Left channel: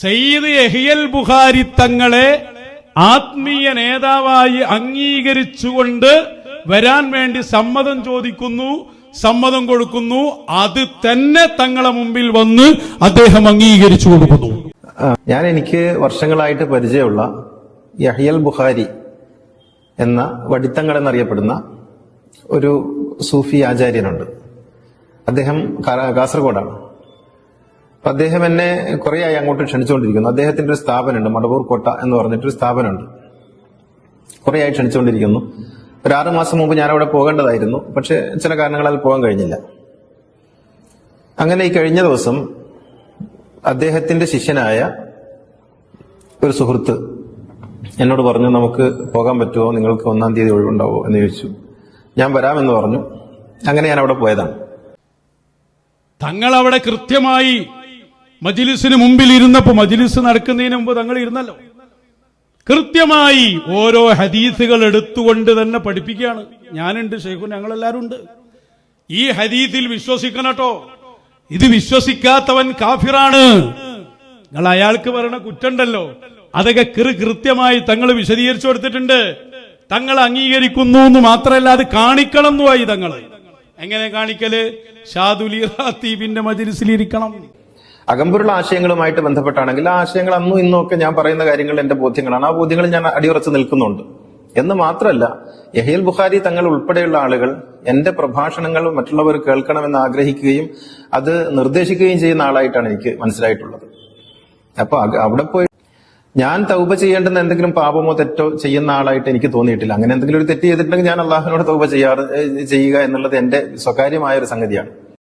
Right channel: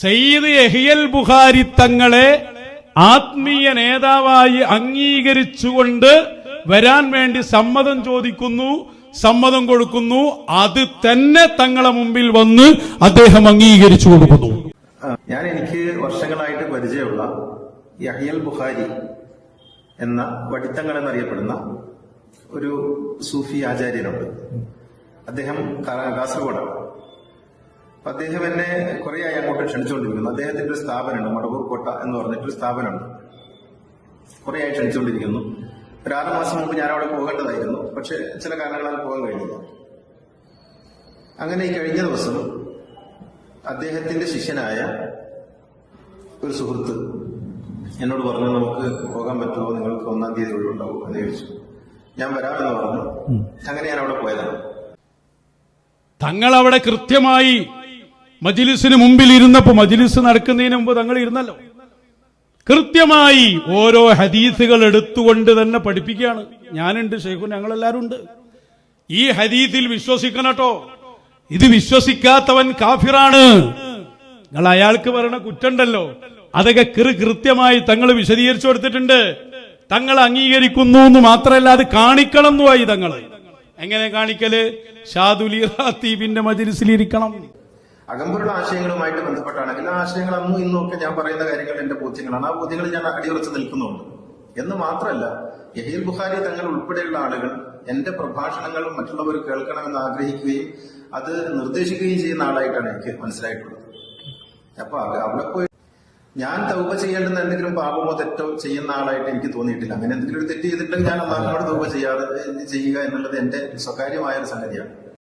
സയ്യിദ് യഹ്യൽ ബുഖാരി തങ്ങളെ ആത്മീയ നേതാവായി അംഗീകരിച്ചുകൊണ്ട് വരാൻ വേണ്ടി സമ്മതം ചോദിക്കുന്നു, സമ്മതം കൊടുക്കുന്നു. അത് തന്നെ തങ്ങളെ മുമ്പിൽ വന്ന് അദ്ദേഹം അംഗീകരിച്ചു കൊടുക്കുന്നു. എനിക്ക് വർഷങ്ങളായിട്ട് പരിചയമുള്ള യഹ്യൽ ബുഖാരി എന്ന വടിത്തങ്ങൾ എന്നറിയപ്പെടുന്ന ഒരു സൂഫി ആചാര്യനുണ്ട്. അദ്ദേഹം കാസർഗോഡാണ്. അപ്പൊ അദ്ദേഹം എന്നെ കുറേയായി അങ്ങോട്ട് ക്ഷണിച്ചുകൊണ്ടിരിക്കുന്നു. അദ്ദേഹത്തിന്റെ ഒരു സ്ഥാപനമുണ്ട്, മടവൂർ കോട്ട എന്ന് പറഞ്ഞിട്ടൊരു സ്ഥാപനമുണ്ട്. കുറേയായി ക്ഷണിച്ചുകൊണ്ടിരിക്കുന്നു. ഒരു 6 മാസം മുമ്പ് ഞാൻ അവിടെ പോകേണ്ടതായിരുന്നു. പക്ഷെ ചില കാരണങ്ങളാൽ പോകാൻ കഴിഞ്ഞില്ല. അങ്ങനെ ഈ കഴിഞ്ഞ ദിവസം അദ്ദേഹത്തിന്റെ ശിഷ്യനായ ഒരു സുഹൃത്ത് എന്നോട് പറഞ്ഞു, നമുക്ക് പോകാൻ പറ്റുമോ, നിങ്ങൾക്ക് 1-ാം തീയതി ഒഴിവുണ്ടാവോ എന്ന് ചോദിച്ചു. ഞാൻ വരാമെന്ന് പറഞ്ഞു. അങ്ങനെ ഞാൻ അവിടെ പോയതാണ്. തങ്ങൾ അവിടെ കൃത്യമായി മജ്ലിസിന് മുമ്പിൽ ഇരുന്നപ്പോ, മജ്ലിസ് നടക്കുന്നതിന് മുമ്പ് തങ്ങൾ ഇരുന്നല്ലോ, കൃത്യമായി ഓരോ ഹദീസുകൾ എടുത്തുകൊണ്ട് തന്നെ പഠിപ്പിക്കുകയാണ്. ഞാനുണ്ട്, ഷെയ്ഖുൻ, ഞങ്ങളെല്ലാരും ഉണ്ട്. ഈ ഹദീസിൽ വിശ്വസിക്കണട്ടോ, ഇത് വിശ്വസിക്കാത്തവൻ കാഫിറാണ്. നിങ്ങൾ അയാൾക്ക് പറയണ കുറ്റുണ്ടല്ലോ, അതൊക്കെ കൃത്യമായി തങ്ങൾ വിശദീകരിച്ചു കൊടുത്തിട്ടുണ്ട്. തങ്ങൾ അംഗീകരിക്കുന്നു എന്ന് മാത്രമല്ല, അത് കാണിക്കണം എന്നുമായി തങ്ങൾ. എങ്ങനെ കാണിക്കല്? ഷാദുലി റാത്തീബിന്റെ മജ്ലിസിലിരിക്കണം. അകമ്പുരുള്ള ആശയങ്ങളുമായിട്ട് ബന്ധപ്പെട്ടാണെങ്കിൽ ആ ആശയങ്ങൾ അന്നും ഇന്നും ഒക്കെ ഞാൻ പറയുന്ന കാര്യങ്ങൾ എന്റെ ബോധ്യങ്ങളാണ്. ആ ബോധ്യങ്ങൾ ഞാൻ അടിയുറച്ച് നിൽക്കുന്നുണ്ട് എന്ന് മാത്രമല്ല, യഹ്യൽ ബുഖാരി തങ്ങൾ ഉൾപ്പെടെയുള്ള ആളുകൾ എന്റെ പ്രഭാഷണങ്ങൾ മറ്റുള്ളവർ കേൾക്കണമെന്ന് ആഗ്രഹിക്കുകയും അത് നിർദ്ദേശിക്കുകയും ചെയ്യുന്ന ആളായിട്ടാണ് എനിക്ക് മനസ്സിലായിട്ടുള്ളത്. അപ്പൊ അവിടെ പോയി ഞാൻ തൗബ ചെയ്യേണ്ടുന്ന എന്തെങ്കിലും പാപമോ തെറ്റോ ചെയ്യുന്ന ആളായിട്ട് എനിക്ക് തോന്നിയിട്ടില്ല. അങ്ങനെ എന്തെങ്കിലും ഒരു തെറ്റ് ചെയ്തിട്ടുണ്ടെങ്കിൽ ഞാൻ അള്ളാഹുവിനോട് തൗബ ചെയ്യുക എന്നുള്ളത് എന്റെ സ്വകാര്യമായ ഒരു സംഗതിയാണ്.